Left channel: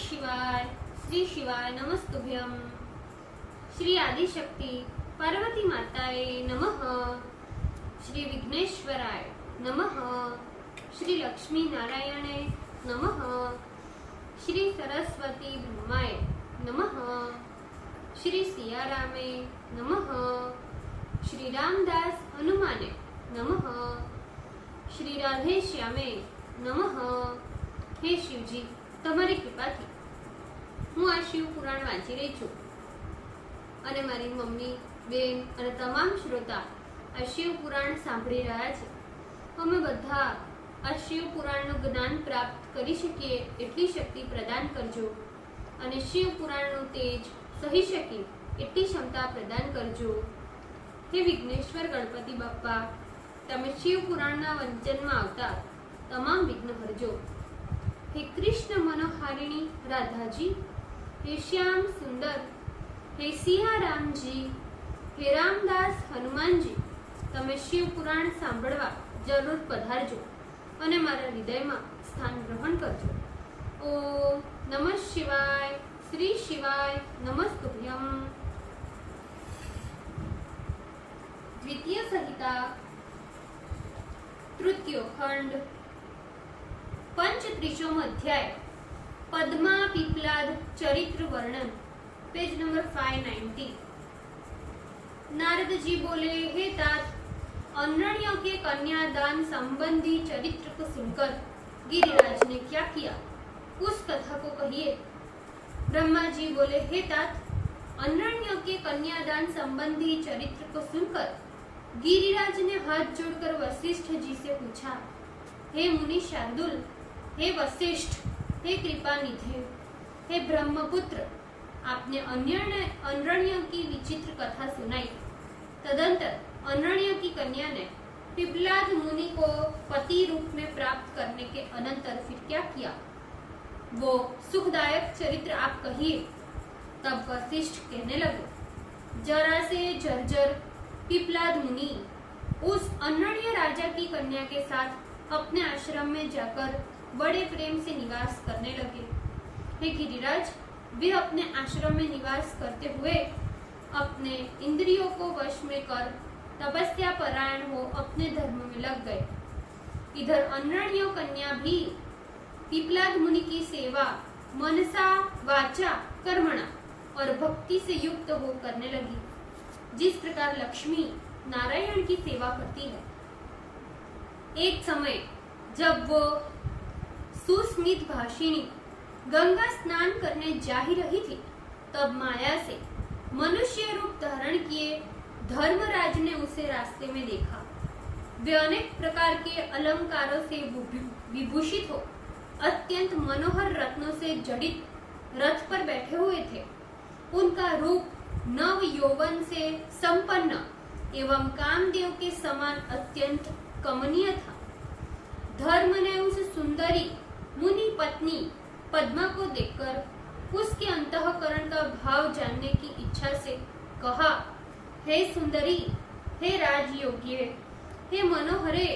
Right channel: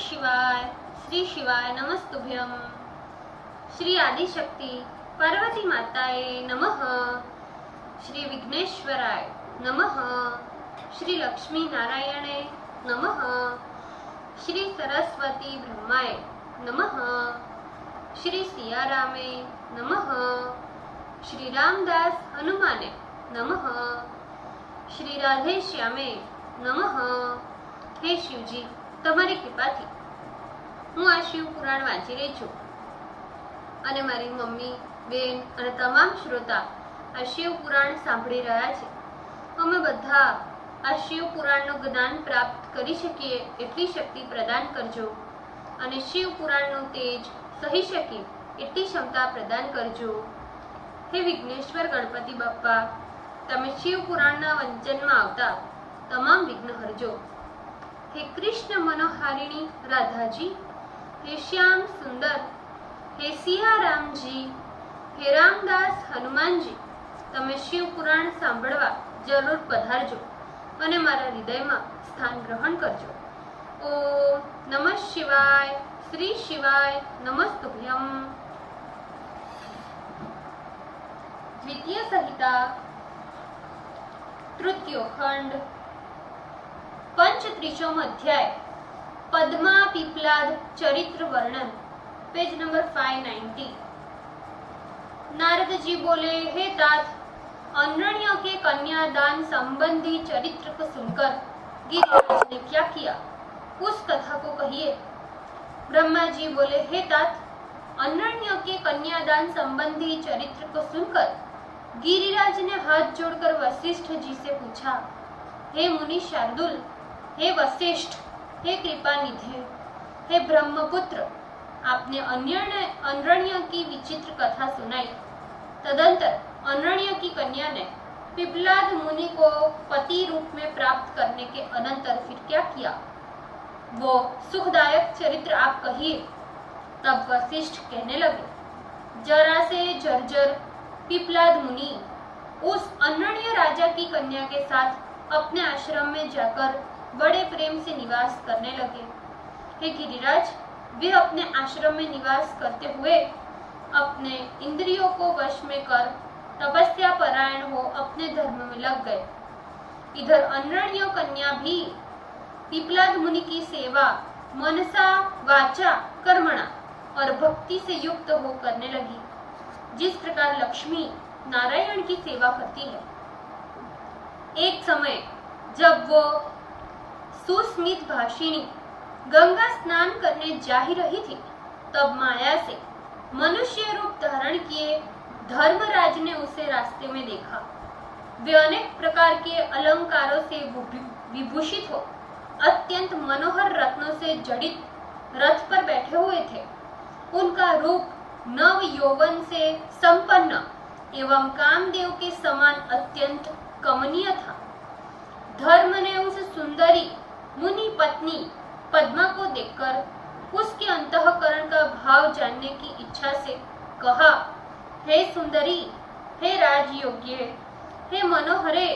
शिवाय। श्री शिवाय नमस्तुभ्यम। श्री आदिशक्ति पार्वती माताए नमः। श्री विघ्नेश्वराय नमः। श्री लक्ष्मी नारायणे नमः। श्री सरस्वती ब्रह्माय नमः। श्री सियारामे नमः। श्री रामदास हनुमाने नमः। श्री राधे श्यामे नमः। हे शिवजी, તમારી કૃપાથી હું આ શિવ પુરાણ વાંચી રહી છું અને મારી મમ્મી, બેન અને તમામ શ્રોતા આ શિવ પુરાણ સાંભળી રહ્યા છે। અમે બધા આ શિવ પુરાણનું જ્ઞાન પ્રાપ્ત કરી શકીએ એટલી શક્તિ પ્રદાન કરજો અને શિવ પુરાણનું તેજ સહી શકે એટલી ક્ષમતા પ્રદાન કરજો। હે વિઘ્નેશ્વર ગણપતિ બાપ્પા, તમે શિવ પુરાણના વંચનમાં આવતા તમામ વિઘ્ન હરજો। हे कृष्ण मनोहारिणी राधा जी, हे श्याम सुंदर, हे सिया राम जी, हे रामदास हनुमान जी, तमे शिव पुराण सांभळवा जरूर पधारजो अने मारा हृदयमां स्थान ग्रहण करजो। ओम नमः शिवाय। श्री शिवाय नमस्तुभ्यम। द्वितीय संहिता तृतीयो खंड पंचत्रिशोम अध्याय पद्मा पिपलाद चरित्र वर्णन, पेज नंबर 590। नारद जी बोले, हे तात, अनण्य के कन्यादान संबंधी चरित्र को सुनकर गिरिराज ने क्या किया, उस कथा को कहिए। ब्रह्मा जी बोले, हे तात, अनण्य के कन्यादान संबंधी चरित्र को सुनकर गिरिराज ने हाथ जोड़कर वशिष्ठ जी से पूछा, हे मुनि शार्दुल, हे वशिष्ठ, हे कृपानिधे, हे ब्रह्मपुत्र, आपने अनण्य की विचित्र कथा सुनाई। तदंतर अनण्य की कन्या ने पिपलाद मुनि को पति रूप में प्राप्त करने के अनंतर फिर क्या किया, वो सुखदायक चरित्र आप कहिए। तब वशिष्ठ कहने लगे, जरा से जर्जर पिपलाद मुनि उस अनण्य राजा की कन्या के साथ अपने आश्रम में जाकर बड़े प्रेम से निवास करने लगे। हे गिरिराज, वे अपने आश्रम में निवास करते हुए अपने इंद्रियों को वश में कर तपस्या परायण हो अपने धर्म में लग गए। इधर अनण्य कन्या भी पिपलाद मुनि की सेवा मनसा वाचा कर्मणा और भक्ति से युक्त हो करने लगी, जिस प्रकार लक्ष्मी नारायण की सेवा करती है। एक समय जब वो सुस्मित भाषिणी गंगा स्नान करने जा ही रही थी, तब माया से मनुष्य रूप धारण किए धर्मराज ने उसे रास्ते में देखा। वे अनेक प्रकार के अलंकारों से विभूषित हो अत्यंत मनोहर रत्नों से जड़ित रथ पर बैठे हुए थे। उनका रूप नव यौवन से संपन्न एवं कामदेव के समान अत्यंत कमनीय था। धर्म ने उस सुंदरी मुनि पत्नी पद्मा को देखकर उसके अंतःकरण का भाव जानने की इच्छा से कहा, हे सुंदरी, हे राजयोग्य, हे मनोहरे,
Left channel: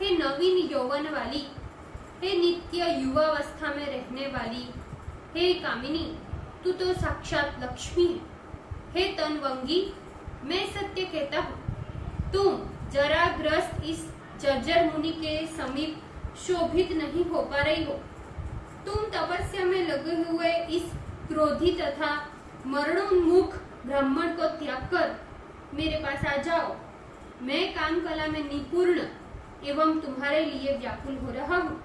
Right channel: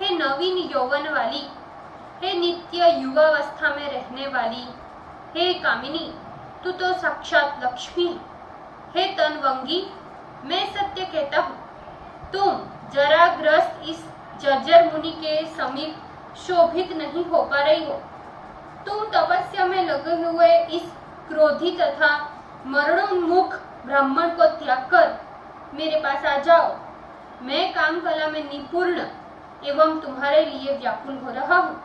हे नवीन यौवन वाली, हे नित्य युवावस्था में रहने वाली, हे कामिनी, तू तो साक्षात लक्ष्मी है। हे तनवंगी, मैं सत्य कहता हूँ, तुम जरा ग्रस्त इस जर्जर मुनि के समीप शोभित नहीं हो पा रही हो। तुम तपस्या में लगे हुए इस क्रोधी तथा मरणोन्मुख ब्राह्मण को त्याग कर मेरे पास आ जाओ। मैं काम कला में निपुण एवं तुम्हारे लिए व्याकुल हो रहा हूँ।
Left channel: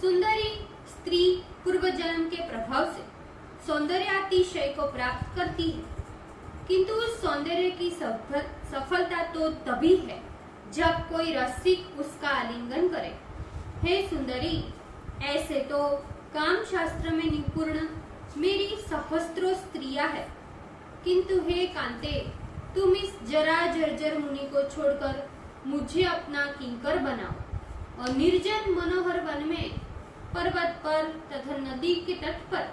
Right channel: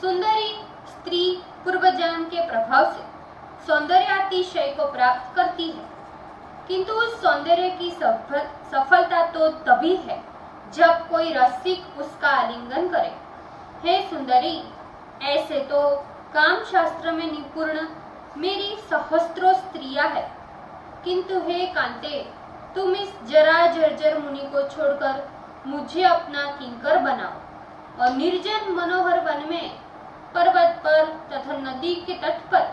सुंदरी स्त्री पूर्व जन्म के प्रभाव से सौंदर्यातिशय को प्राप्त करती है, किंतु उस सौंदर्य की सफलता तो तभी है जब कोई रसिक उसका आलिंगन करे। हे सुंदरी, ऐसे तो काम शास्त्र में निपुण मेरी सहस्त्रों स्त्रियां है, किंतु हे कांते, तुम इस जरा जर्जर मुनि को छोड़कर मुझे अपना किंकर बनाओ और निर्जन मनोहर वन में, पर्वत पर तथा नदी के तट पर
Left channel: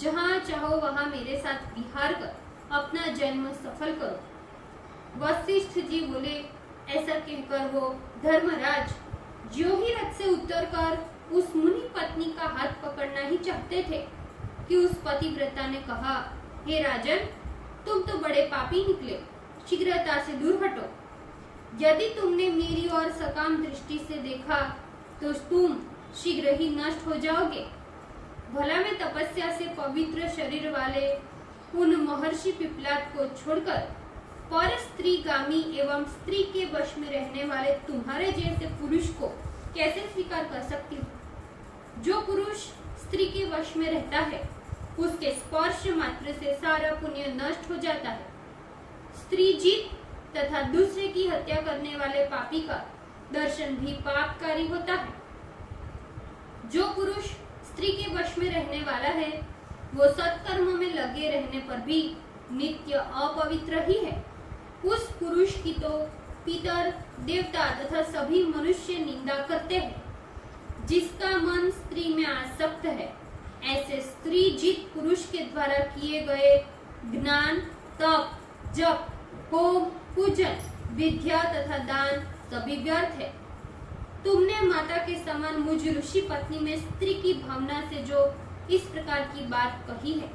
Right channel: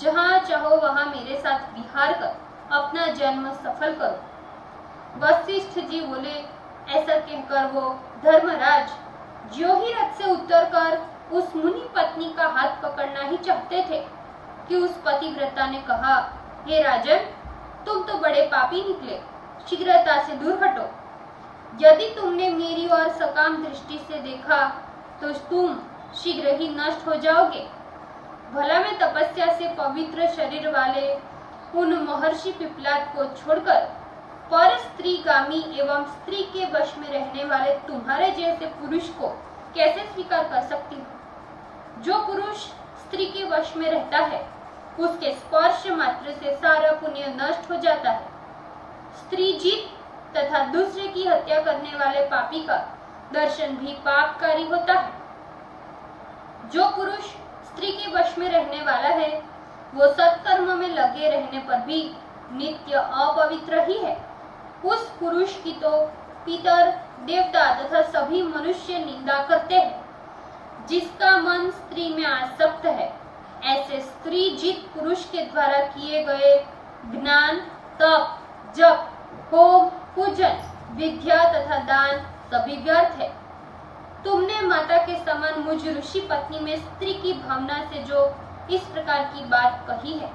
जहाँ चाहो वहाँ मेरे साथ विहार कर अपना जन्म सफल करो। वशिष्ठ जी बोले, ऐसा कहकर वो धर्मराज ज्यों ही रथ से उतरकर उस मुनि पत्नी का हाथ पकड़ना ही चाहते थे कि उस पतिव्रता ने कहा, हे राजन, तुम तो बड़े पापी निकले, शीघ्रता से दूर हटो। यदि तुमने मेरी ओर सकाम दृष्टि से देखा तो तुम शीघ्र ही नष्ट हो जाओगे। भला मैं तपस्या से पवित्र शरीर वाले उन महर्षि पिपलाद को छोड़कर पर स्त्रीगामी एवं स्त्री के वश में रहने वाले तुम्हारे जैसे पुरुष को कैसे स्वीकार कर सकती हूँ? जो पुरुष स्त्री के वश में रहता है उसके स्पर्श मात्र से सारा पुण्य नष्ट हो जाता है। स्त्री जीत तथा दूसरे की हत्या करने वाले पापी का दर्शन भी पापकारी होता है। जो पुरुष स्त्री के वश में रहने वाला है वो सत्कर्म में लगे रहने पर भी नित्य अपवित्र ही है। उस पुरुष की तो पितर, देवता तथा सभी मनुष्य निंदा करते हैं। जिसका मन स्त्री में आसक्त है, ऐसे स्त्री जित पुरुष के द्वारा किए गए ज्ञान, तप, जप, होम, पूजन, विद्या तथा दान सभी व्यर्थ है। तुमने माता के समान मुझ ऋषि पत्नी में स्त्री की भावना से जो इस प्रकार की बात कही है,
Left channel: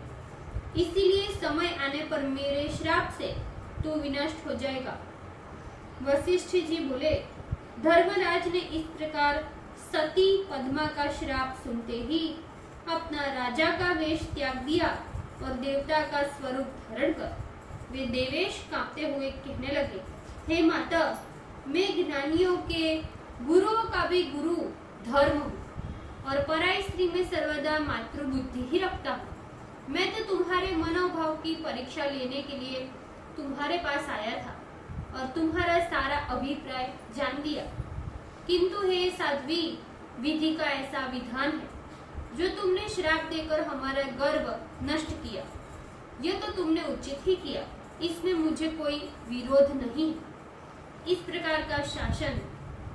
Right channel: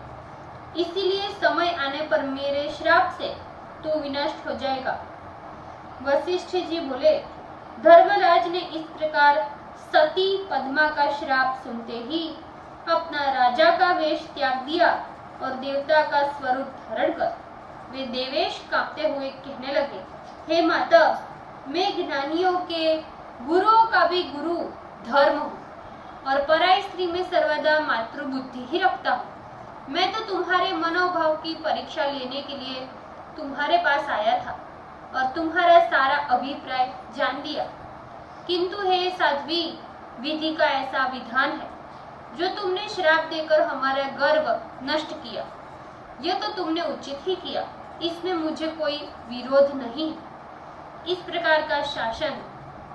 इसीलिए समय आने पर मेरे श्राप से तू विनष्ट हो जाएगा। वशिष्ठ जी बोले, धर्मराज ने इस प्रकार सती पद्मा का श्राप सुनते ही अपना राजा का वेश त्याग दिया और देवता का स्वरूप धारण कर वे देवेश कांपते हुए कहने लगे, हे माता, मैं ज्ञानियों के गुरुओं का भी गुरु धर्म हूँ और पराई स्त्री में सर्वदा मातृबुद्धि ही रखता हूँ। मैं तो तुम्हारे मनोभाव की परीक्षा लेने के लिए तुम्हारे पास आया था और तुम्हारा सारा अभिप्राय जान लिया, किंतु हे साध्वी, विधि का ऐसा विधान है जो तुमने श्राप देकर हमारा गर्व नष्ट किया। यह तो तुमने उचित ही किया, इसमें मुझे कोई विरोध नहीं। इस प्रकार का शासन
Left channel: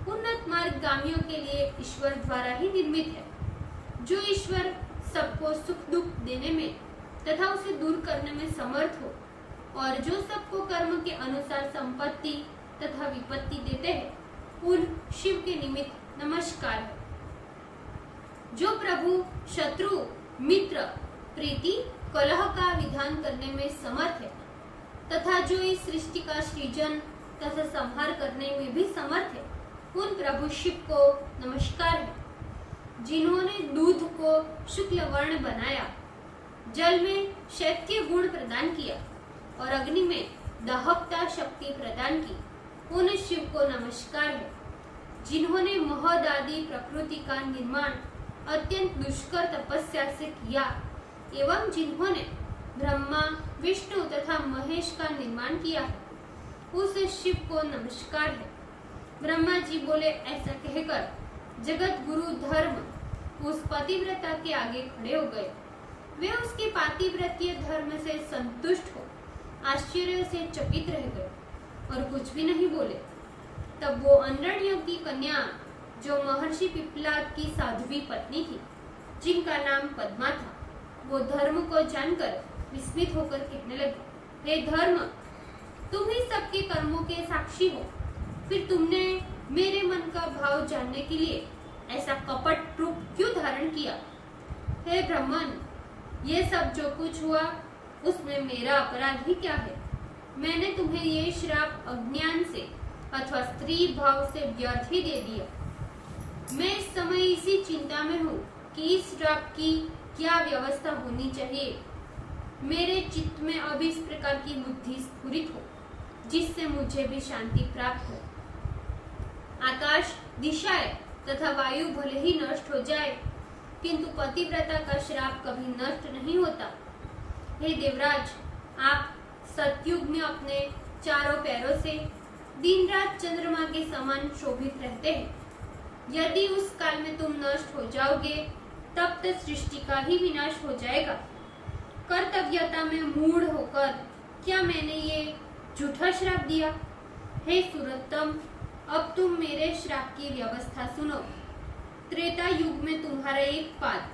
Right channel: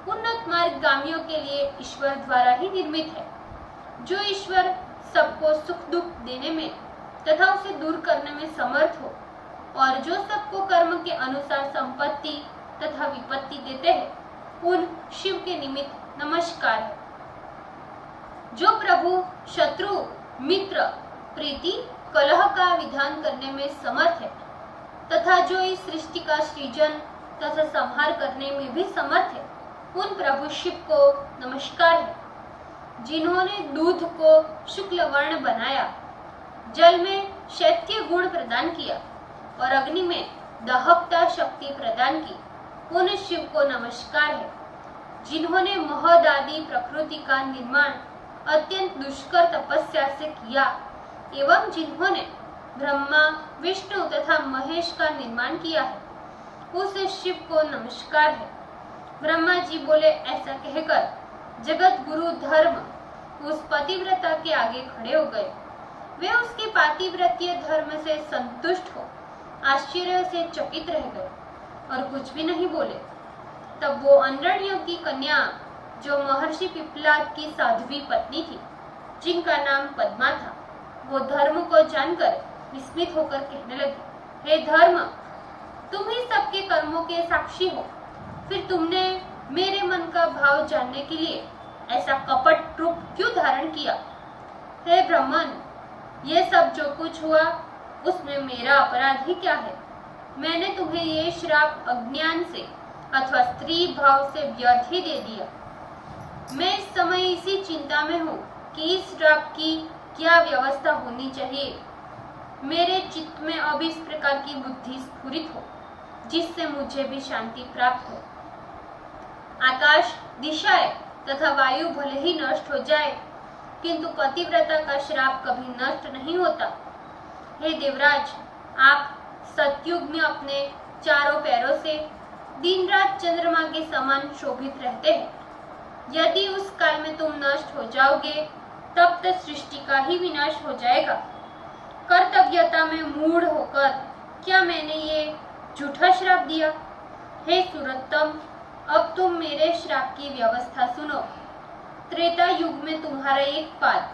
उन्नत मार्गगामियों के लिए ईश्वर द्वारा ही निर्मित है। जो ईश्वर सबको सुख दुख देने में तथा उसे दूर करने में समर्थ हो और जो सबको कर्म के अनुसार संपत्ति तथा विपत्ति देते हैं, उन शिव के निमित्त नमस्कार है। जो प्रभु शत्रु, मित्र, प्रीति, कलह का विधान करने में समर्थ है तथा जो इस सृष्टि का सृजन तथा संहार करने में भी समर्थ है, उन प्रभु शिव को नमस्कार है। जिन्होंने दूध को शुक्ल वर्ण बनाया, जल में शैत्य गुण प्रदान किया और अग्नि में दहकता शक्ति प्रदान की, उन शिव को नमस्कार है। जिन्होंने महद आदि प्रकृति का निर्माण अत्यंत दुष्कर तपस्या से किया एवं जिन्होंने ब्रह्मा, विष्णु तथा महेश का निर्माण किया है, उस शिव को नमस्कार है। ब्रह्मा जी बोले, ऐसा कहकर जगत गुरु धर्म उस पतिव्रता के आगे खड़े हो गए। वे उसके पातिव्रतीय धर्म से संतुष्ट हो आश्चर्य से चकित रह गए और कुछ भी नहीं बोले। तब वो अनरण्य की कन्या, जो महर्षि पिपलाद की साध्वी पत्नी थी, जिनका नाम पद्मा था, वो धर्म को जानकर विस्मित होकर कहने लगे, हे धर्म, तुम ही सबके कर्मों के साक्षी हो, फिर तुमने मेरे मन का भाव जानने के लिए ऐसा कपट रूप क्यों धारण किया? हे ब्राह्मण, ये सब जो कुछ हुआ उसमें मेरा अपराध ही क्या है? मैंने तुम्हें ये श्राप अज्ञान से अथवा स्त्री भाव से व्यर्थ ही दे दिया। मैं इस समय इसी चिंता में हूँ कि इस श्राप की क्या व्यवस्था होनी चाहिए। मेरे चित्त में अब इस प्रकार की बुद्धि स्फुरित हो जिससे मुझे भी शांति प्राप्त हो। आकाश, दिशाएं तथा वायु भले ही नष्ट हो जाए, किंतु पतिव्रता का श्राप कभी नष्ट नहीं होता। हे देवराज, आप सतयुग में अपने चारों पैरों से दिन रात चंद्रमा के समान शोभित रहते हैं। यदि उस काल में तुम नष्ट हो जाओगे, तब तक सृष्टि का ही विनाश हो जाएगा। कर्तव्यता में मूढ़ होकर क्या मैंने ये झूठा श्राप दिया? हे सुरतम, अब तुम मेरे श्राप की व्यवस्था सुनो। त्रेता युग में तुम्हारा 1 पाद,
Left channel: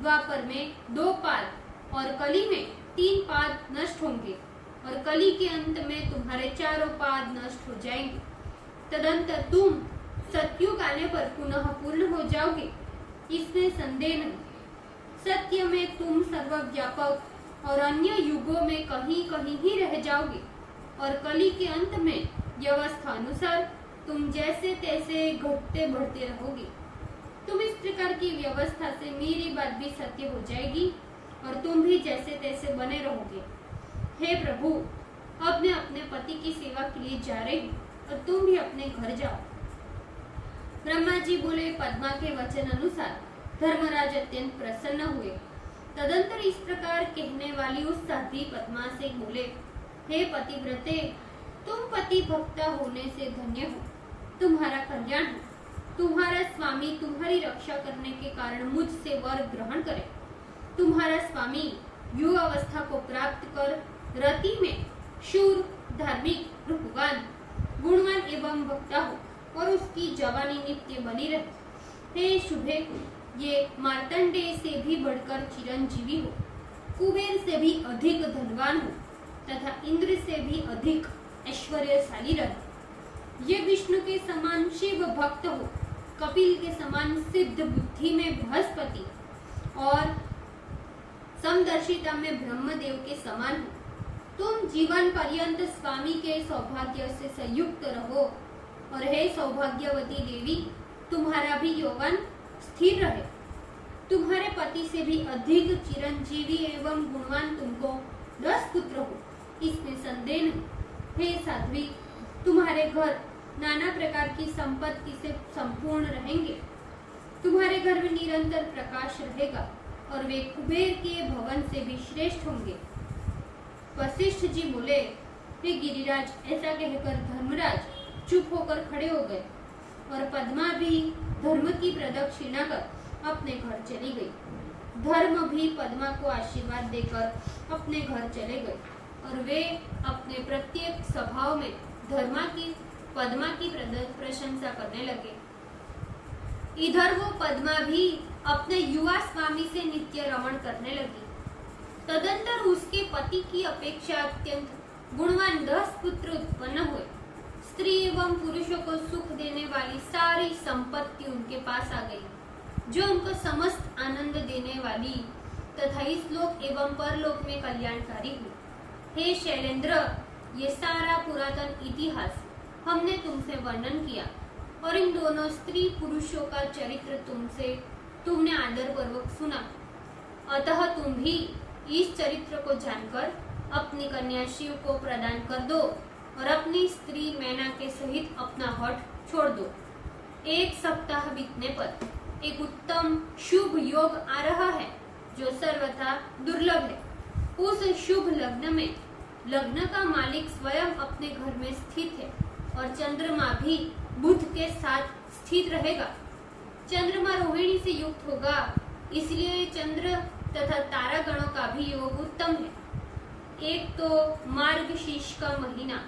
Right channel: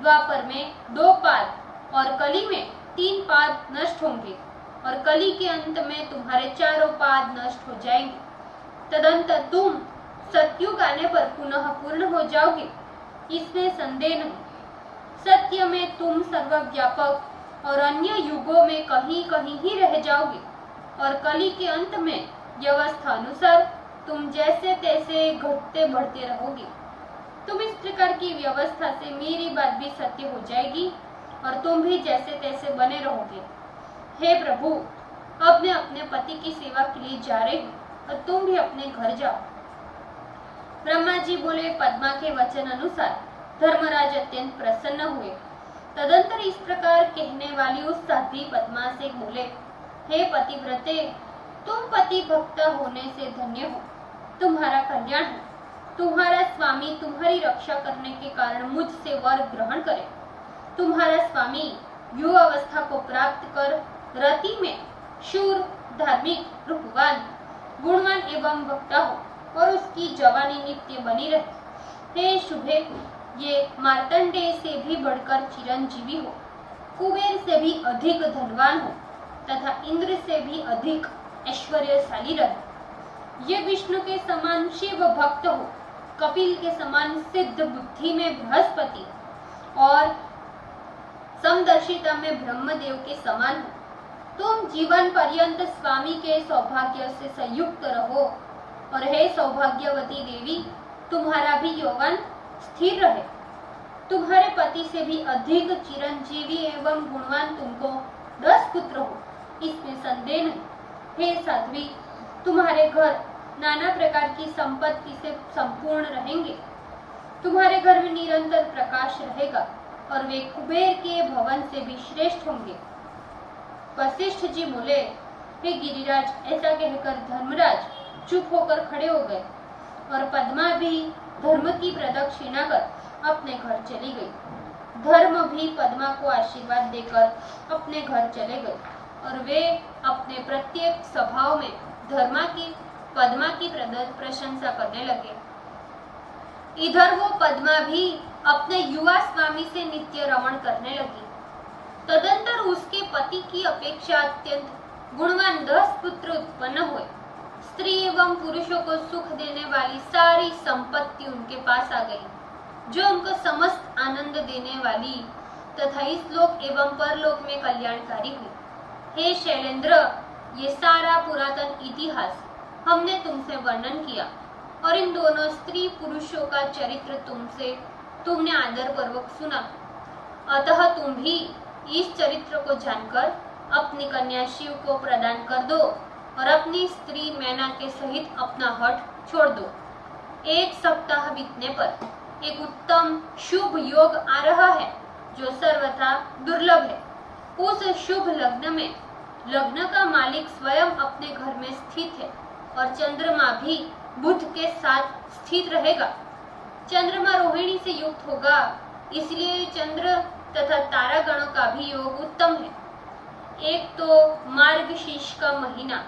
द्वापर में 2 पाद और कली में 3 पाद नष्ट होंगे और कली के अंत में तुम्हारे 4 पाद नष्ट हो जाएंगे। तदंतर तुम सतयुग आने पर पुनः पूर्ण हो जाओगे। इसमें संदेह नहीं। सत्य में तुम सर्वव्यापक और अन्य युगों में कहीं कहीं ही रह जाओगे और कली के अंत में व्यवस्था अनुसार तुम जैसे तैसे घटते बढ़ते रहोगे। तुम इस प्रकार की व्यवस्था से मेरी बात भी सत्य हो जाएगी और तुम भी जैसे तैसे बने रहोगे। हे प्रभु, अब मैं अपने पति की सेवा के लिए जा रही हूँ और तुम भी अपने घर जाओ। ब्रह्मा जी बोले। पद्मा के वचन अनुसार धर्मराज अत्यंत प्रसन्न हुए। तदंतर इस प्रकार कहने वाली उस साध्वी पद्मा से बोले, हे पतिव्रते, तुम पति भक्त होने से धन्य हो। तुम्हारा कल्याण हो। तुम्हारा स्वामी तुम्हारी रक्षा करने के कारण मुझसे वर ग्रहण करे। तुम्हारा स्वामी युवावस्था को प्राप्त कर रति में शूर, धार्मिक, रूपवान, गुणवान एवं वक्ता हो और उसकी जवानी नित्य बनी रहे। हे शुभे, ये मार्तंडेय से भी बढ़कर चिरंजीवी हो, कुबेर से भी अधिक धनवान हो तथा इंद्र से भी अधिक ऐश्वर्यशाली रहे। ये विष्णु के समान शिव भक्त हो, कपिल के समान सिद्ध बुद्धि में बृहस्पति और समदर्शिता में ब्रह्मदेव के समान हो। तुम जीवन पर्यंत स्वामी के सौभाग्य से संयुक्त रहो और हे सौभाग्यवती देवी, तुम्हारा भी यौवन स्थिर रहे। तुम्हारे पति से भी अधिक चिरंजीवी एवं गुणवान तुमको 10 पुत्र हो, इसमें संदेह नहीं। हे साध्वी, तुम्हारे घर नाना प्रकार की संपत्ति से संपूर्ण रहेंगे। तुम्हारे घर में निरंतर प्रकाश रहेगा और वे कुबेर के भवन से भी श्रेष्ठ होंगे। वशिष्ठ जी बोले, हे गिरिराज, ऐसा कहकर धर्मराज चुप होकर खड़े हो गए और पद्मा भी धर्म की प्रदक्षिणा कर अपने घर चली गई। धर्म भी पद्मा को आशीर्वाद देकर अपने घर चले गए और वे अपने प्रत्येक सभाओं में पद्मा की प्रशंसा करने लगे। इधर वो पद्मा भी अपने युवा स्वामी से नित्य रमण करने लगी। तदंतर उसके पति की अपेक्षा अत्यंत गुणवान 10 पुत्र उत्पन्न हुए। स्त्री एवं पुरुषों को सुख देने वाली सारी संपत्ति उनके पास आ गई, जो उनको समस्त आनंद देने वाली तथा इस लोक एवं परलोक में कल्याणकारी हुई। हे शैलेंद्र, ये सारा पुरातन इतिहास हमने तुमसे वर्णन किया और इन दोनों स्त्री पुरुषों का चरित्र तुमने आदर पूर्वक सुना। अतः तुम भी इस चरित्र को जानकर अपनी कन्या शिव को प्रदान कर दो और अपनी स्त्री मैना के सहित अपना हठ छोड़ दो। 1 सप्ताह बीतने पर एक उत्तम शुभ योग आ रहा है जो सर्वथा दुर्लभ है। उस शुभ लग्न में लग्न का मालिक स्वयं अपने घर में स्थित है और चंद्रमा भी बुध के साथ स्थित रहेगा। चंद्रमा रोहिणी से युक्त होगा, इसलिए चंद्र तथा तारागणों का भी योग उत्तम है। एक तो मार्गशीर्ष का महीना,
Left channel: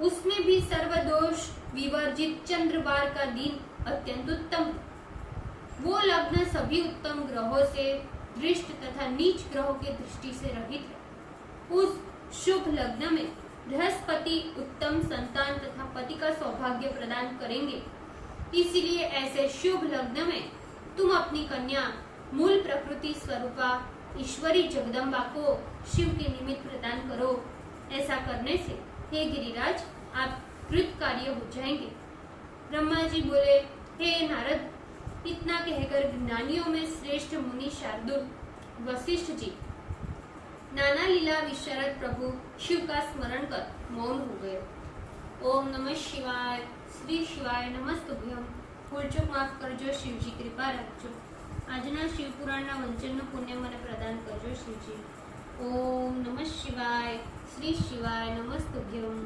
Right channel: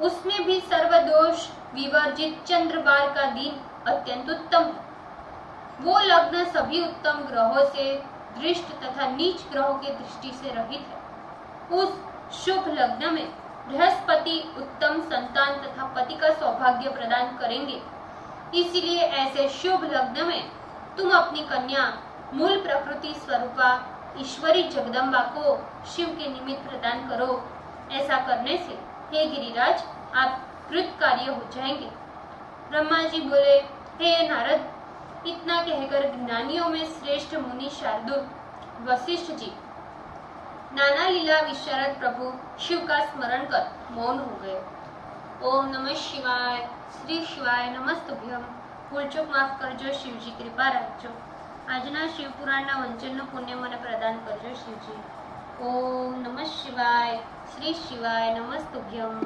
उसमें भी सर्वदोष विवर्जित चंद्रवार का दिन अत्यंत उत्तम है। वो लग्न सभी उत्तम ग्रहों से दृष्ट तथा नीच ग्रहों के दृष्टि से रहित है। उस शुभ लग्न में बृहस्पति उत्तम संतान तथा पति का सौभाग्य प्रदान करेंगे। इसलिए ऐसे शुभ लग्न में तुम अपनी कन्या मूल प्रकृति स्वरूपा ईश्वरी जगदम्बा को शिव के निमित्त प्रदान करो। ऐसा करने से हे गिरिराज, आप कृत कार्य हो जाएंगे। ब्रह्मा जी बोले, हे नारद, इतना कहकर ज्ञानियों में श्रेष्ठ मुनि शार्दुल वशिष्ठ जी नाना लीला विशारद प्रभु शिव का स्मरण कर मौन हो गए। ओम नमः शिवाय। श्री शिवाय नमस्तुभ्यम। भूल चूक माफ करजो शिवजी, कृपा રાખજો। આજના શિવ પુરાણના વંચનનું પુણ્ય મને પ્રદાન કરજો શિવજી। ઓમ નમઃ શિવાય। શ્રી શિવાય નમસ્તુભ્યમ।